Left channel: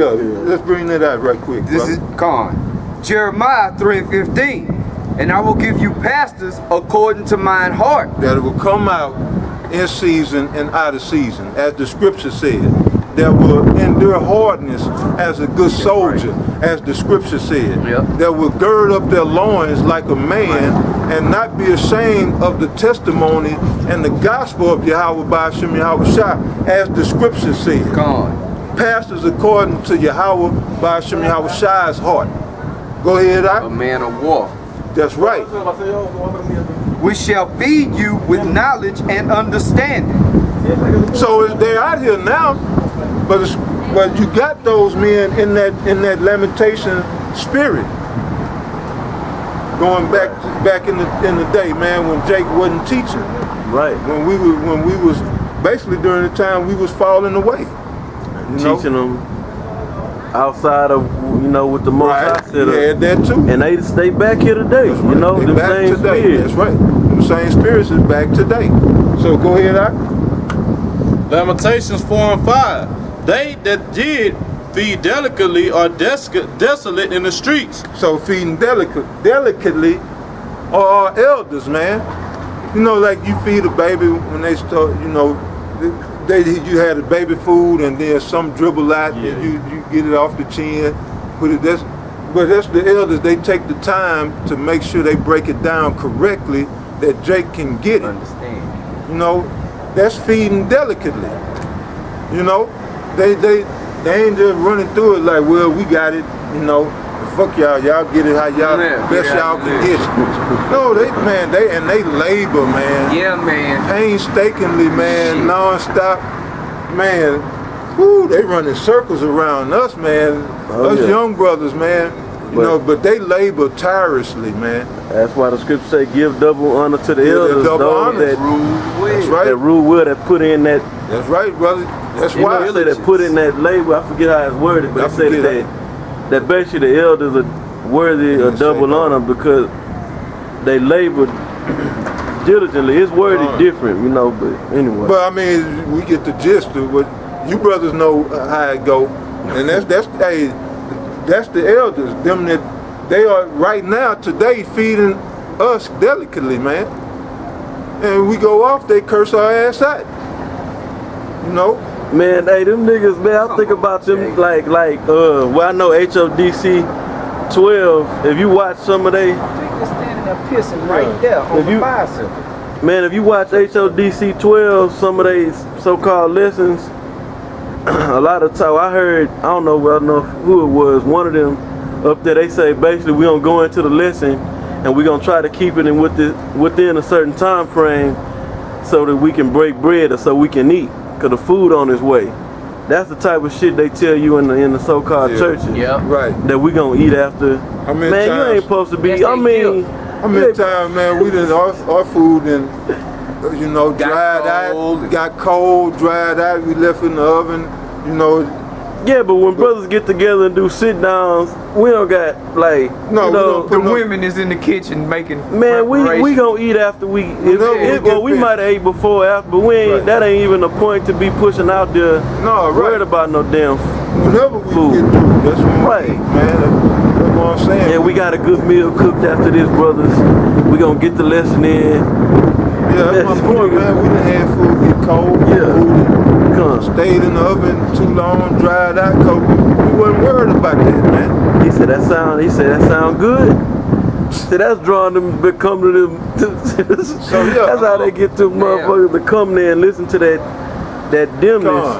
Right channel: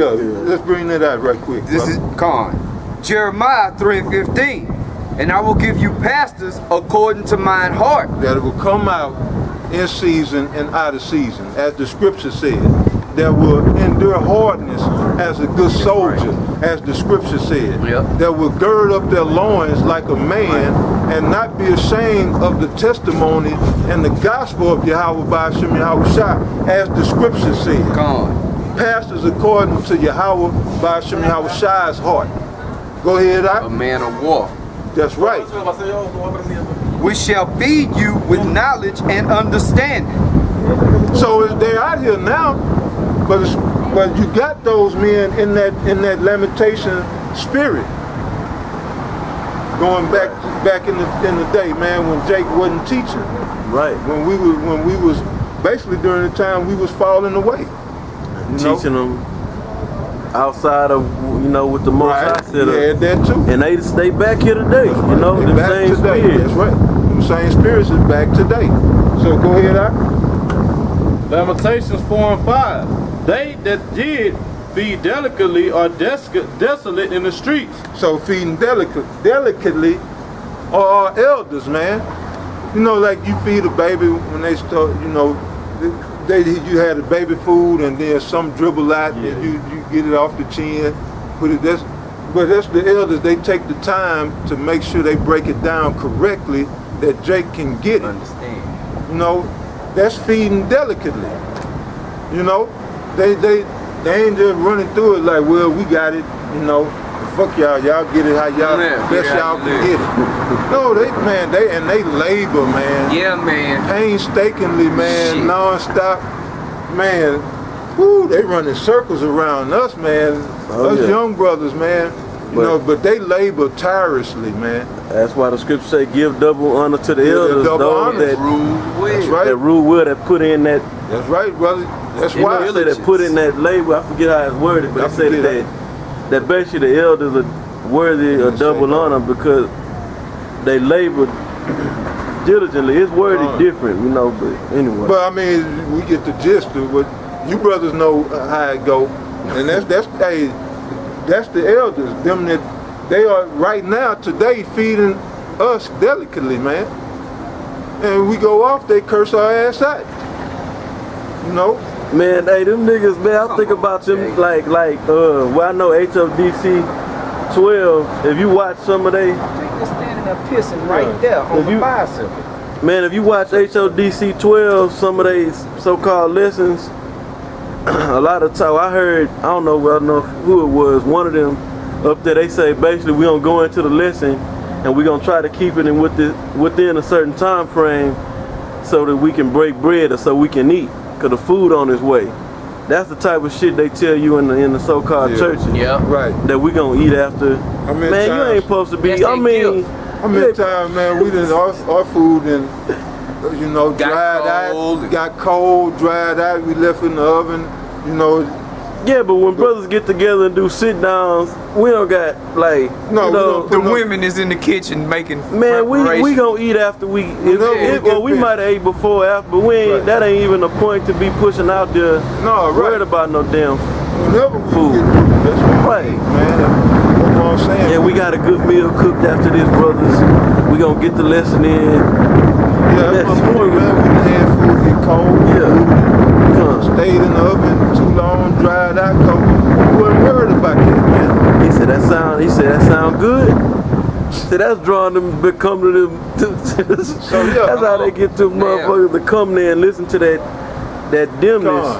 let's bring that out right quick. This is Con. Jeremiah 3:15. And I will give you pastors according to mine heart. That it will come out in season and out of season, as the scripture said. That will endure hardness as a good soldier, as the scripture said. That will gird up their loins like a man and not be ashamed of the testimony and the gospel of Yahweh by Hashem Yahweh Shai, as the scripture said. Pastors according to Yahweh by Hashem Yahweh Shai's heart. Go ahead, A man of war. That's right. We shall feed you with knowledge and understanding. So they're out here now, but you got those men in that lamentation spirit. Going back in the day, man, when Jake wasn't teaching. Right. When we was basically during the time we was falling away. Teaching them outside of, with the Most High set up. Yeah, that too. And they stay back here today. That's You know, them same spirits. That's right. Them same spirits is back today. So go ahead, Ak. Lamentations 4 and 5. They that did feed delicately are desolate in the streets. So feeding delicately are our elders, man. Like you feed a baby when they start, you had a baby food and then some dribble out and you get it off the chin, but that's the elders. They take the time to make sure they break it down correctly that Jake can get it. Understand. That's feeding delicately. They ain't just running through it like, well, we got it, fuck y'all get it how y'all best y'all can get it. No, they labor, man. Yeah, man. Painstakingly, man, non-stop, man. Woo, they running circles around us, man. Young brothers, man. But they labor tirelessly, man. That's why the scripture say, give double honor to the elders, those that rule well, that put in that. That's right, brother. That's why. That put in that labor. I forget how it's worded, but they say that basically the elders are worthy of double honor because they labor diligently. It's worded different, but anyway. But I mean, we get the gist of what you brothers know how it go, and that's the elders. Them that they are right now today feeding us delicately, man. And we go off, they curse our ass out. Man, hey, them niggas, man, I think about them like well, I know HODC 12. If you watch some of they, I think they're standing up pissing right there on the bicycle. Man, if you watch HODC 12, some of they so-called lessons, a lot of time I heard, I don't know who it was, one of them up there, they say basically we gonna go into the lesson and we're gonna try to keep it within a certain time frame so that we can break bread or so we can eat, cause the food on its way. That's the type of shit they tell you in the so-called churches. Yeah. Right. That we gonna eat after. Man, you ain't supposed to be. How many times, man, we done our food and dried out, got cold, dried out. We left in the oven, Yeah, but when brothers get together and do sit downs, we don't got the women is in the kitchen making. Man, we gonna eat after we. We might have ate before, after, but we ain't. That ain't even a point to be pushing out there. Worried about no damn. Whenever we food. get through, that's when we eat, man. That's what I'm saying. Yeah, we got a good meal cooked after this, brothers. We gonna get the lesson in. Yeah, that's my point, man. We done had food get cold. Yeah. Food stayed in the oven too long, dried out, cause we wasn't worried about that, man. He said that sound good. See, that's drawing them to come to them. So yeah, that's how they get to motherfuckers to come there and listen to that dimness.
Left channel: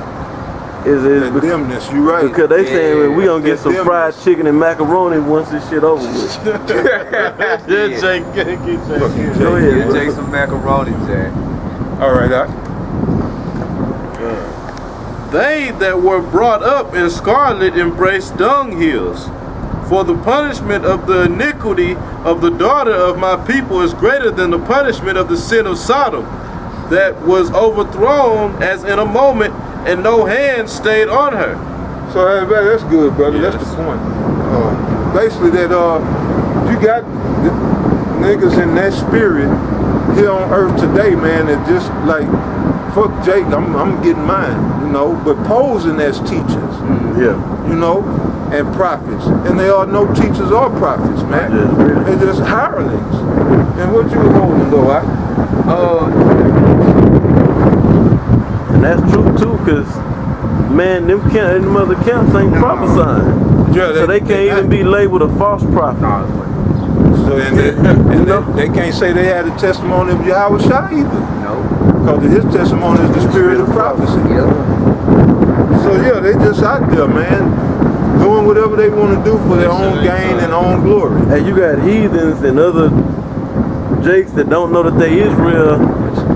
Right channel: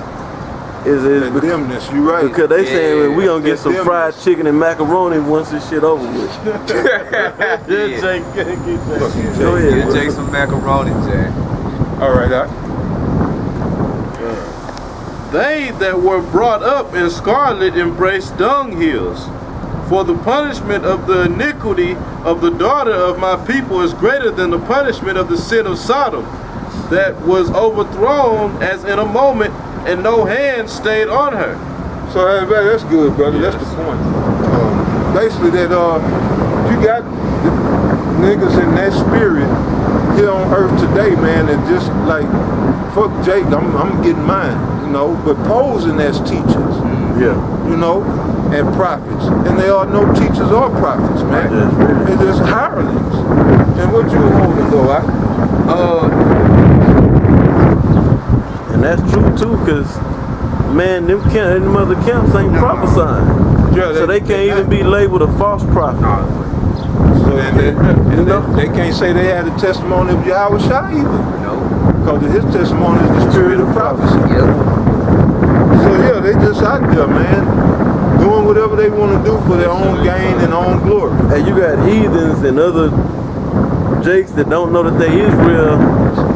That dimness, you right. Because they saying we gonna get some fried chicken and macaroni once this shit over with. Go ahead, Jake, some macaroni, Jack. All right, Doc. They that were brought up in scarlet embraced dunghills. For the punishment of the iniquity of the daughter of my people is greater than the punishment of the sin of Sodom, that was overthrown as in a moment, and no hand stayed on her. So that's good, brother. Yes. That's the point. Basically, that you got the niggas in that spirit here on earth today, man. That just like fuck Jake, I'm getting mine, you know, but posing as teachers, Yeah. you know, and prophets. And they are no teachers or prophets, man. Yes, really. They're just hirelings. And what you holding though, And that's true too, cause man, them other camps ain't prophesying. Yeah, So they can't even be labeled a false prophet. So they can't say they had the testimony of Yahweh Shai either. No. Because his testimony is the spirit of prophecy. Yep. So yeah, they just out there, man, doing whatever they want to do for their own gain and own glory. Hey, you got heathens and other jakes that don't know that they Israel,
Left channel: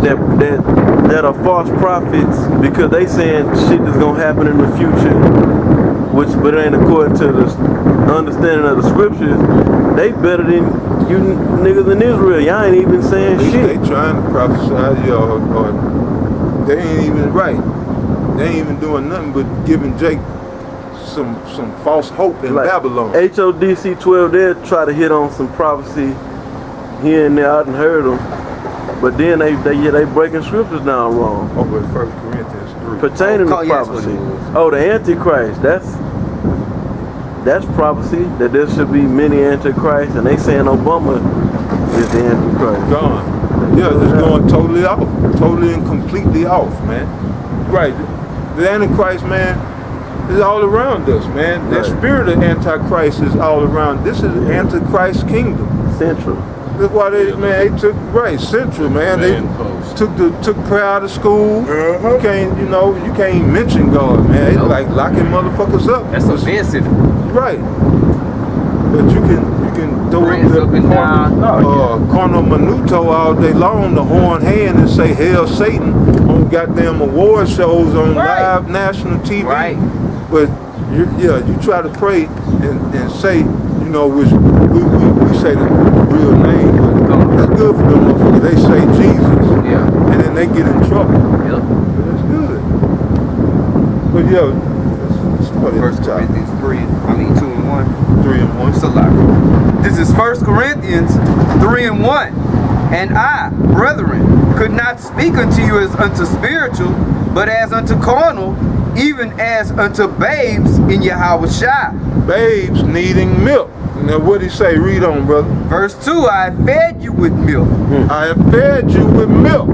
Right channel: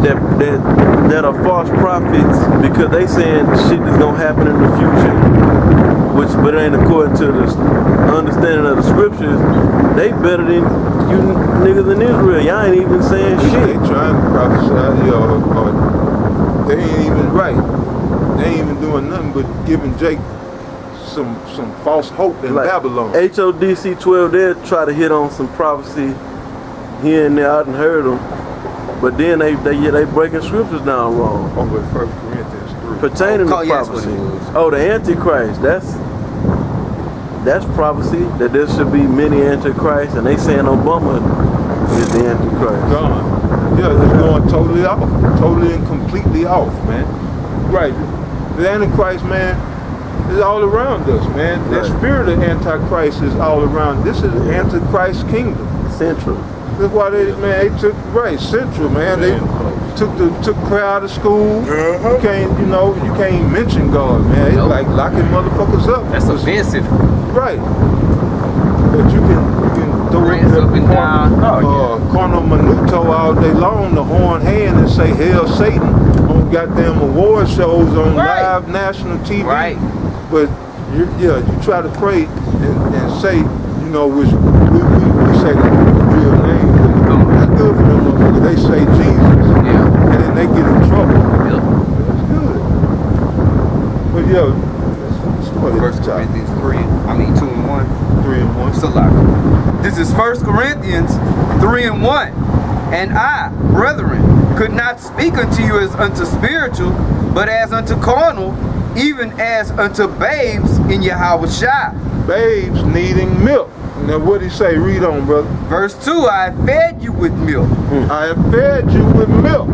that are false prophets because they saying shit is gonna happen in the future, but it ain't according to the understanding of the scriptures. They better than you niggas in Israel. Y'all ain't even saying At least shit. they trying to prophesy, or they ain't even right. They ain't even doing nothing but giving Jake some false hope in Like Babylon. HODC 12, they'll try to hit on some prophecy here and there. I done heard them, but then they breaking scriptures down wrong Over at 1 Corinthians 3. pertaining to yes, what prophecy. it was. Oh, the Antichrist. That's prophecy that there should be many Antichrists, and they saying Obama is the Antichrist. Gone. Yeah, it's going totally off. Totally and completely off, man. Right. The Antichrist, man, is all around us, man. Right. That spirit of Antichrist is all around. This is Antichrist's kingdom. Central. That's why they took Central, man. They took prayer out of school. You can't mention God, man. It's like locking motherfuckers up. That's offensive. Right. But you can throw Friends up up the and down. corno minuto all day long, the horn hand, and say hail Satan on goddamn award shows on live national TV. Right. But you try to pray and say, you know, which we say the real name, but that's good for them motherfuckers. They say Jesus. Yeah. And then they get in trouble. Yep. But that's good. But let's start at First the top. Corinthians 2 and 1. 3 and 1. Salaki. This is 1 Corinthians 3 and 1. And I, brethren, could not speak unto you as unto spiritual, but as unto carnal, even as unto babes in Yahweh Shai. Babes needing milk. Now what did he say? Read on, brother. Verse 2, I have fed you with milk. I have fed you with milk.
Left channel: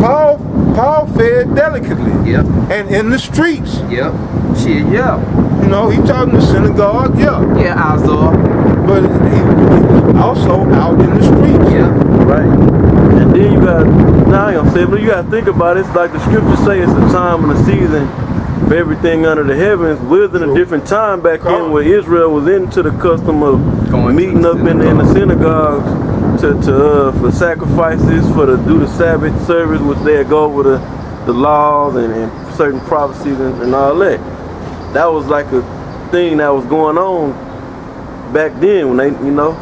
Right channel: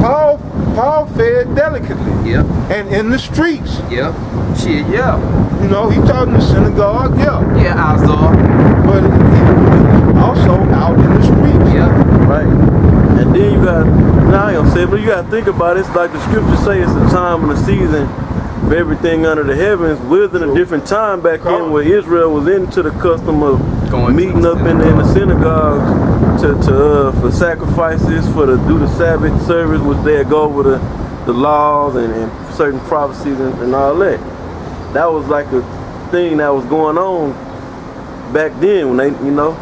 Paul fed delicately. Yep. And in the streets. Yep. Shit, yeah. You know, he taught in the synagogue, Yeah, Azar. but he was also out in the streets. Yep. Right. And then you got, now I ain't gonna say it, but you gotta think about it. It's like the scriptures say, it's a time and a season for everything under the heavens. We're in a different time back then where Israel was into the custom of meeting up in the synagogues for sacrifices, do the Sabbath service, which they'd go over the laws and certain prophecies and all that. That was like a thing that was going on back then when they, you know.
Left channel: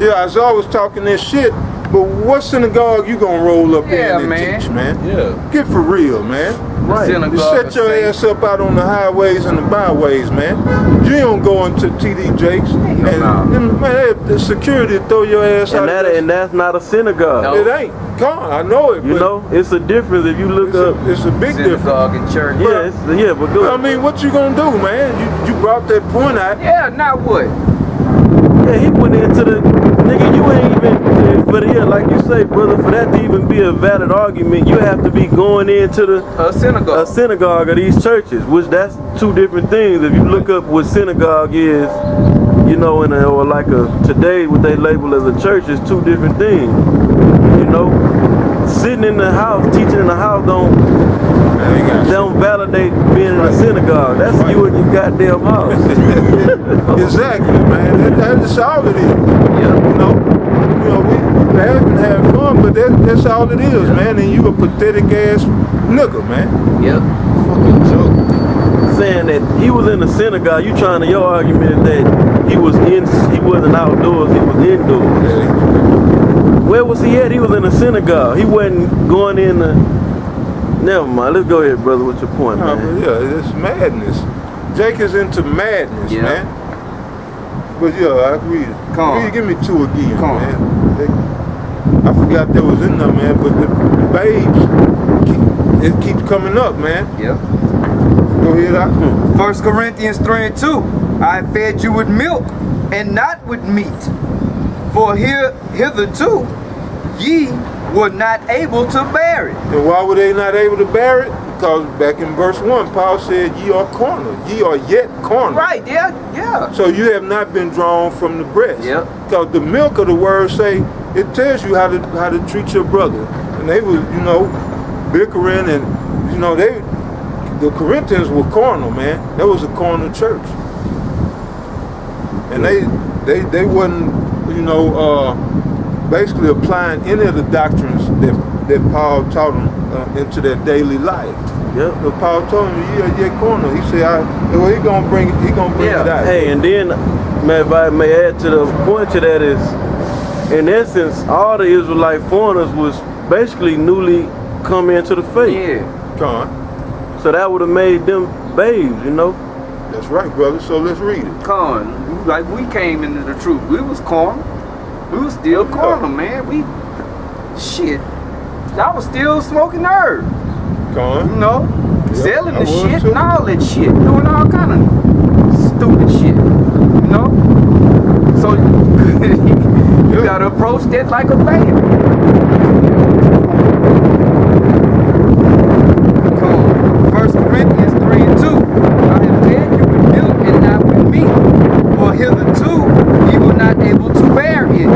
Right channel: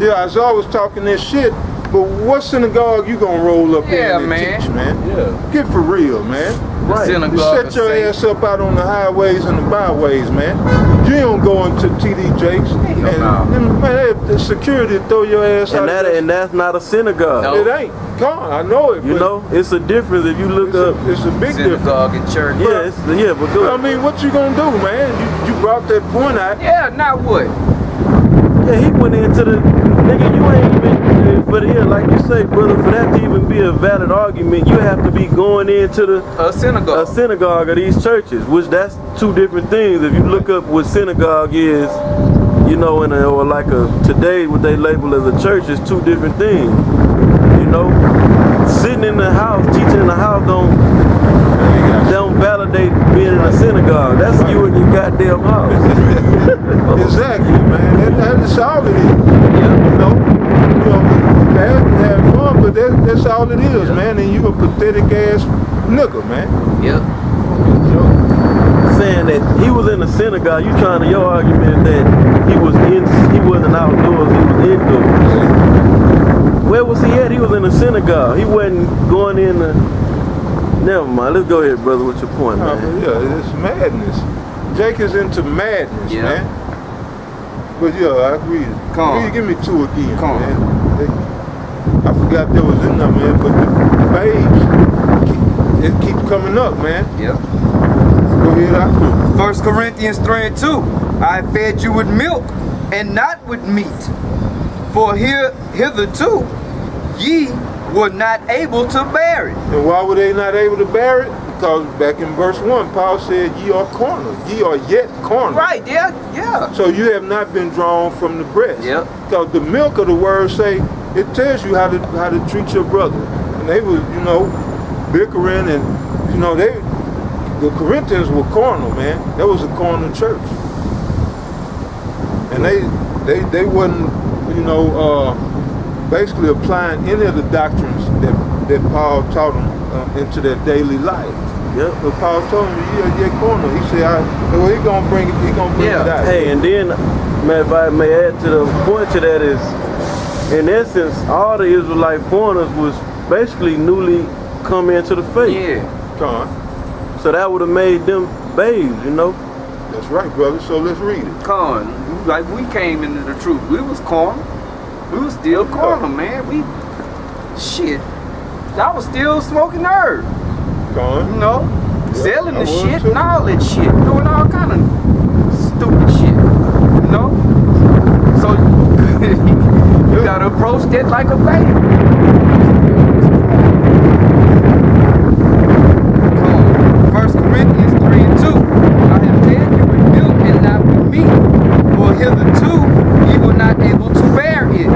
Yeah, I was always talking this shit, but what synagogue you gonna roll up in and teach, man? Yeah. Get for real, man. Right. You set your ass up out on the highways and the byways, man. You don't go into TD Jakes and man, the security throw your ass out. And that's not a synagogue. No. It ain't. Come on, I know it. You know, it's a difference if you look up. It's a big Synagogue difference. and church. Yeah, but go. I mean, what you gonna do, man? You brought that point out. Yeah, now what? Yeah, he went into the nigga. You ain't even like you say, brother. For that to even be a valid argument, you have to be going into A synagogue. a synagogue of these churches, which that's two different things. If you look up what synagogue is, you know, today what they label as a church is two different things. You know, sitting in the house, teaching in the house don't validate being in a synagogue. That's you in your goddamn house. Exactly, man. That's all it is. Yep. You know, we laugh and have fun, but that's all it is, man. And you a pathetic ass nigga, man. Yep. Fucking joke. Saying that he was in the synagogue, your argument that he wasn't outdoors, he was indoors. Yeah, Where was he at? He was in the synagogue. He wasn't going in the... Never mind. Let's go ahead, brother, with your point, man. but yeah, it's madness. Jake is into madness, man. But yeah, I agree. Come on. Give me two again, Come on. man. I forgot that was in there, man. But the babes, it keeps coming up, man. Yep. Go ahead, I. 1 Corinthians 3:2. I fed you with milk and not with meat. For hitherto ye were not able to bear it. And why were they not able to bear it? Because back in verse 1, Paul said, ye are carnal. Ye are yet carnal. Right, yeah. So you have not been drawn from the breast. Yep. Because the milk of the word say, it tells you how to treat your brother. And they were, bickering and, the Corinthians were carnal, man. That was a carnal church. And they wasn't, basically applying any of the doctrines that Paul taught them into their daily life. Yep. So Paul told him, you're carnal. He said, he gonna bring it out. Hey, and then, man, if I may add to the point to that is, in essence, all the Israelite foreigners was basically newly come into the faith. Yeah. Come on. So that would have made them babes, That's right, brother. So let's read it. Con, like we came into the truth. We was carnal. We was still carnal, man. I was still smoking herb. Come on. Selling the shit too. and all that shit. Doing all kind of stupid shit. So you gotta approach that like a baby. Come on. 1 Corinthians 3:2. I have fed you with milk and not with meat. For hitherto ye were not able to bear it.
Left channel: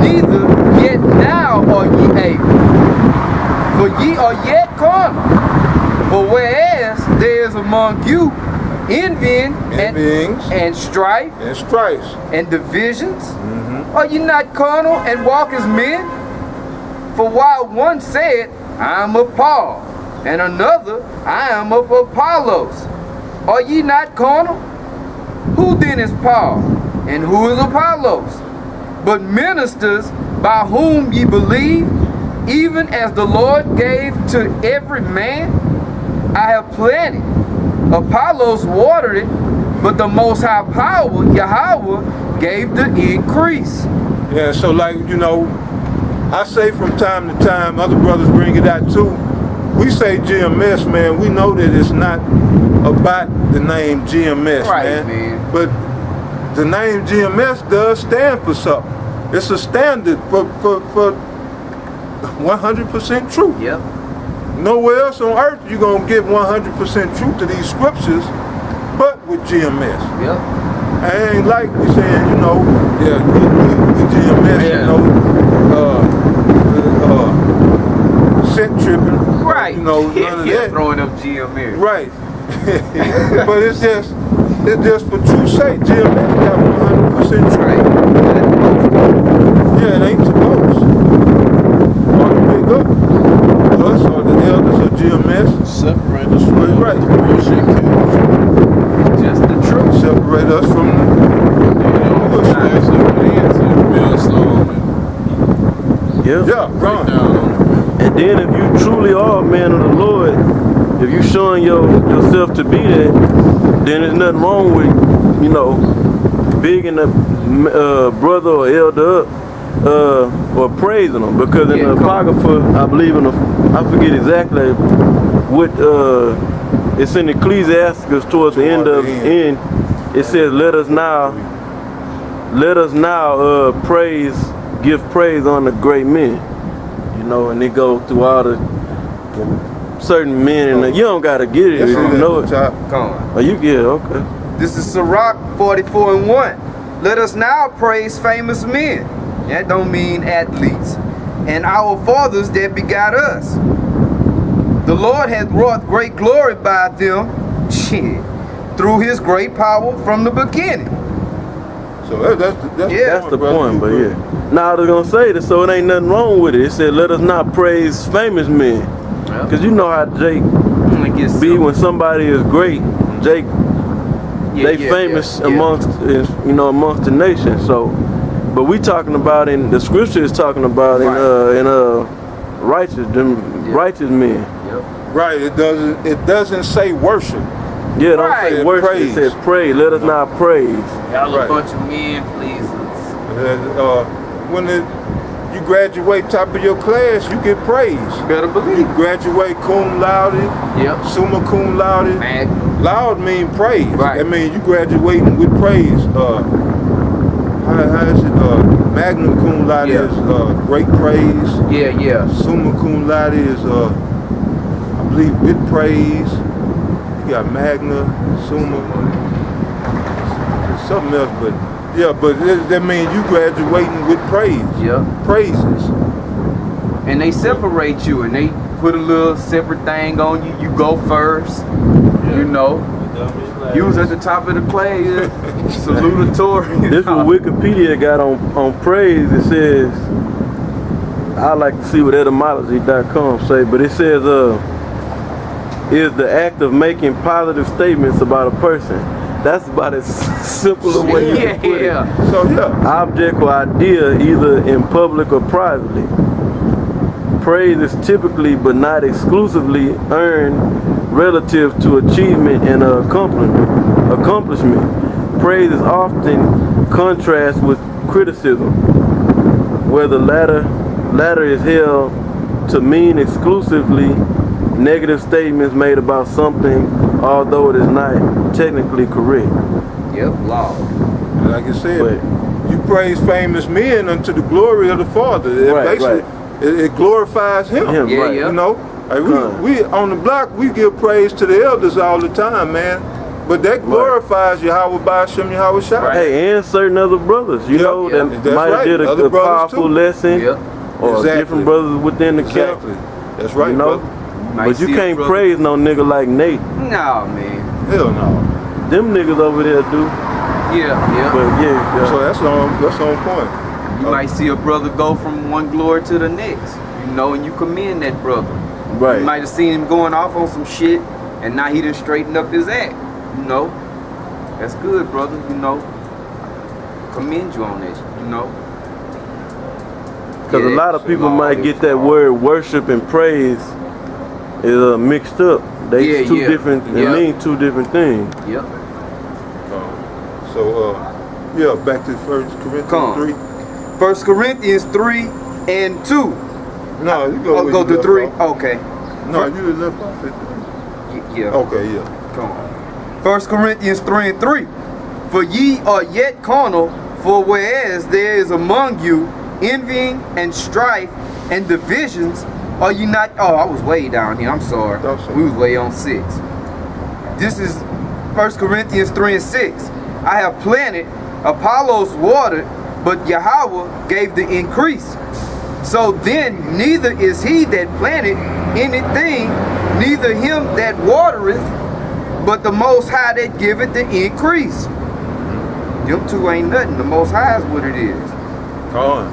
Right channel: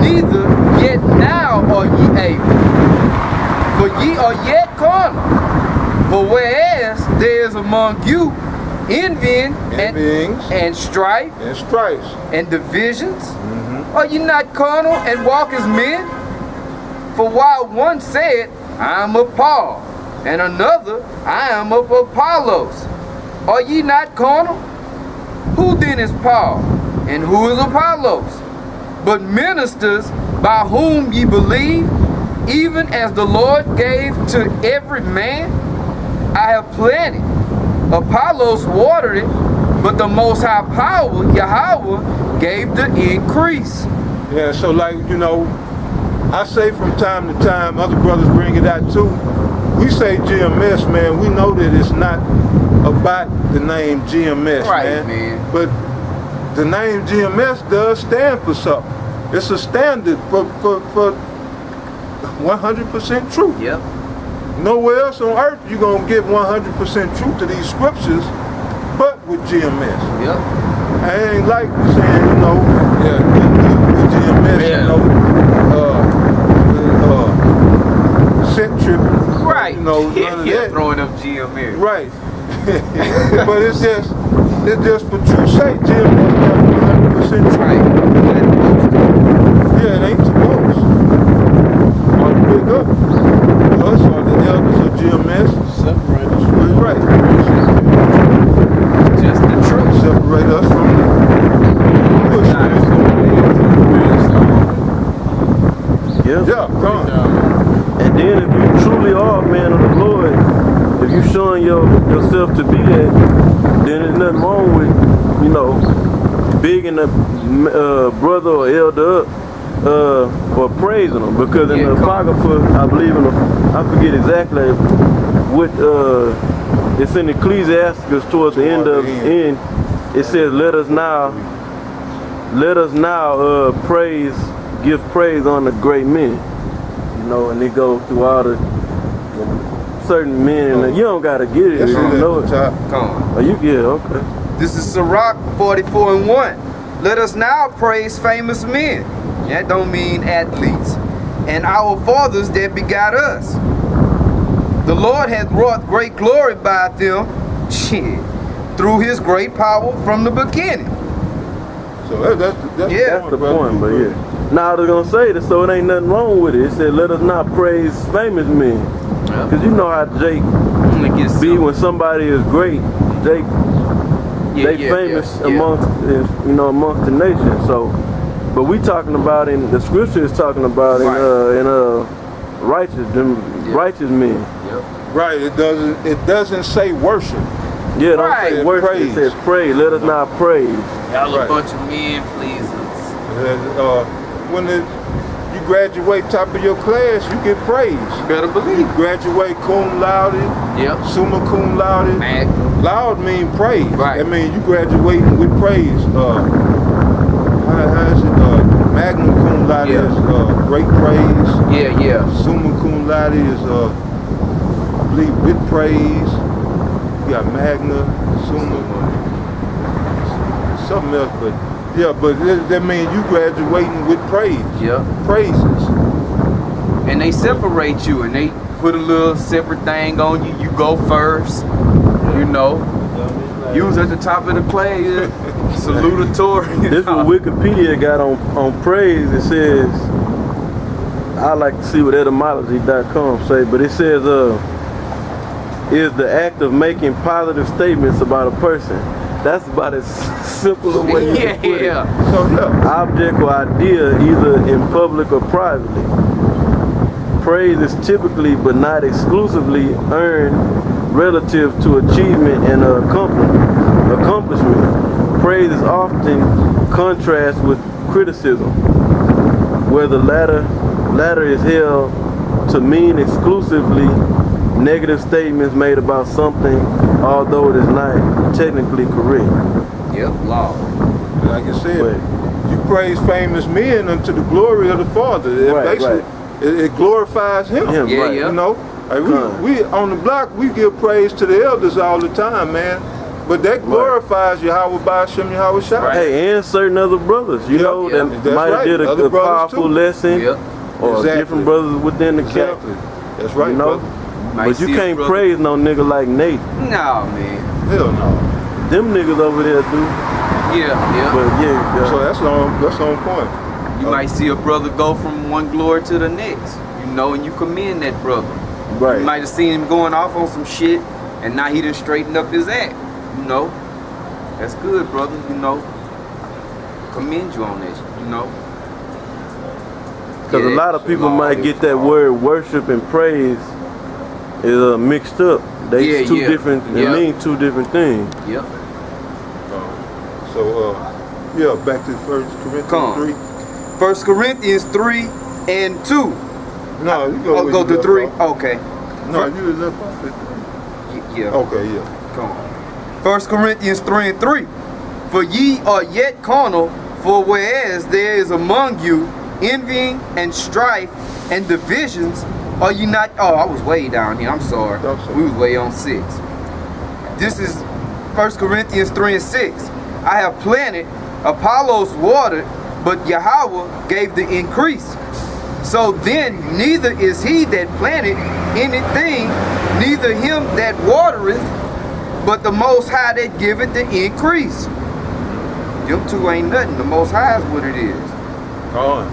Neither yet now are ye able. For ye are yet carnal. For whereas there is among you envying and strife and divisions, are ye not carnal and walk as men? For while one said, I am of Paul, and another, I am of Apollos, are ye not carnal? Who then is Paul, and who is Apollos? But ministers by whom ye believe, even as the Lord gave to every man. I have planted, Apollos watered it, but the Most High Power, Yahweh, gave the increase. Yeah, so I say from time to time, other brothers bring it out too. We say GMS, man. We know that it's not about the name GMS, right, man. But the name GMS does stand for something. It's a standard for 100% truth. Yep. Nowhere else on earth you're going to get 100% truth to these scriptures, but with GMS. Yep. I ain't like we saying, we GMS, scent tripping. Right. None of that. Throwing up GMS. Right. But it's just for truth's sake, GMS got 100% truth. Right. Not supposed to. Yeah, it ain't to boast. Or to big up us or the elders of GMS. Separate us from Right. bullshit kids. Just the truth. Separate us from the bullshit. Actually put into MILLSTOne. Yep. Yeah, Break down on it, man. And then if you truly are a man of the Lord, if you showing yourself to be that, then there's nothing wrong with, bigging a brother or elder up or praising them. Because in the Apocrypha, I believe I forget exactly what, it's in Ecclesiasticus towards the end of the end. It says, let us now give praise on the great men. And they go through all the certain men, and you don't gotta get it if you know it. Come on. Oh, okay. This is Sirach 44:1. Let us now praise famous men. That don't mean athletes. And our fathers that begot us. The Lord hath wrought great glory by them, through his great power from the beginning. So that's the point, but yeah. Now I was gonna say this, so it ain't nothing wrong with it. It said, let us not praise famous men. Because you know how Jake be when somebody is great, Jake, they famous amongst the nation. So, but we talking about in the scripture is talking about in righteous men. Yep. Right. It doesn't say worship. Yeah, don't say worship. Praise. It says praise. Let us not praise. Y'all a bunch of men pleasers. When you graduate top of your class, you get praise. Better believe. You graduate cum laude, Yep. summa cum laude. Magnum. Loud mean praise. Right. That means you graduating with praise. How is it? Magnum cum laude Yeah. is great praise. Yeah, yeah. Summa cum laude is, I believe, with praise. You got magna, summa, something else, but yeah, but that means you graduating with praise. Yeah. Praises. And they separate you, and they put a little separate thing on you. You go first. You know. You was at the top of the class. Salutatory. This is what Wikipedia got on praise. It says, I like to see what etymology.com say, but it says, is the act of making positive statements about a person. That's about as simple a way you can put it. So yeah. Object or idea, either in public or privately. Praise is typically, but not exclusively, earned relative to achievement and accomplishment. Praise is often contrast with criticism, where the latter is held to mean exclusively negative statements made about something, although it is not technically correct. Yep, law. And like I said, you praise famous men unto the glory of the Father. It glorifies him. Yeah, right. yeah. You know, we on the block, we give praise to the elders all the time, man. But that glorifies Yahweh Ba'ashem Yahweh Shai. Right. Hey, and certain other brothers, you know, that might have did a powerful lesson, or different brothers within the camp. That's right, you know. But you can't praise no nigga like Nate. Nah, man. Hell no. Them niggas over there do. Yeah, yeah. But yeah. So that's on point. You might see a brother go from one glory to the next, you know, and you commend that brother. Right. You might have seen him going off on some shit, and now he done straightened up his act. You know, that's good, brother. You know, commend you on this. You know, because a lot of people might get that word worship and praise is mixed up. They two different. It mean two different things. Yep. Yeah, back to 1 Corinthians 3. 1 Corinthians 3 and 2. No, you go. Go to 3. Okay. No, you left off at 3. Yeah. Okay, yeah. Come on. 1 Corinthians 3 and 3. For ye are yet carnal, for whereas there is among you envying and strife and divisions, are you not? Oh, I was way down here. I'm sorry. We was way on 6. This is 1 Corinthians 3 and 6. I have planted, Apollos watered, but Yahweh gave the increase. So then neither is he that planted anything, neither him that watereth, but the Most High that giveth the increase. Them two ain't nothing. The Most High is what it is.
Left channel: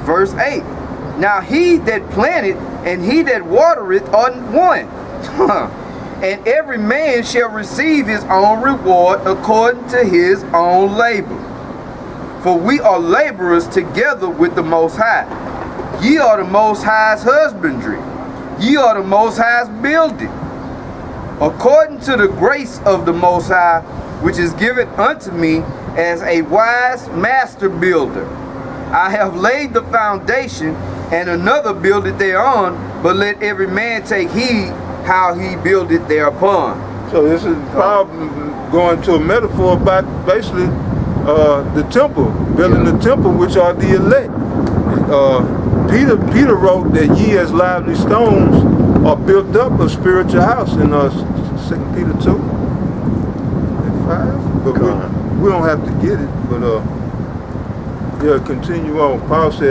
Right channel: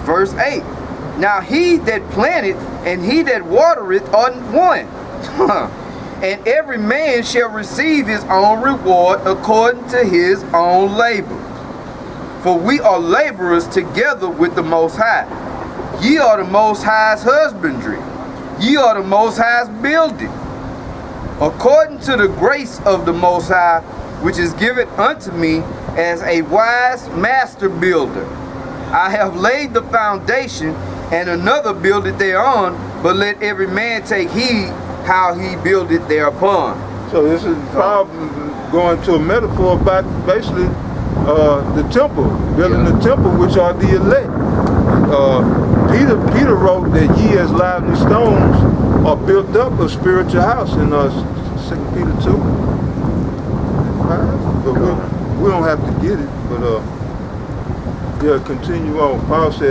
Verse 8. Now he that planted and he that watereth are one. And every man shall receive his own reward according to his own labor. For we are laborers together with the Most High. Ye are the Most High's husbandry. Ye are the Most High's building. According to the grace of the Most High, which is given unto me as a wise master builder. I have laid the foundation, and another builded thereon, but let every man take heed how he builded thereupon. So this is probably going to a metaphor about basically the temple, building the temple, which are the elect. Peter wrote that ye as lively stones are built up a spiritual house in 2 Peter 2 and 5. But we don't have to get it. But yeah, continue on. Paul said,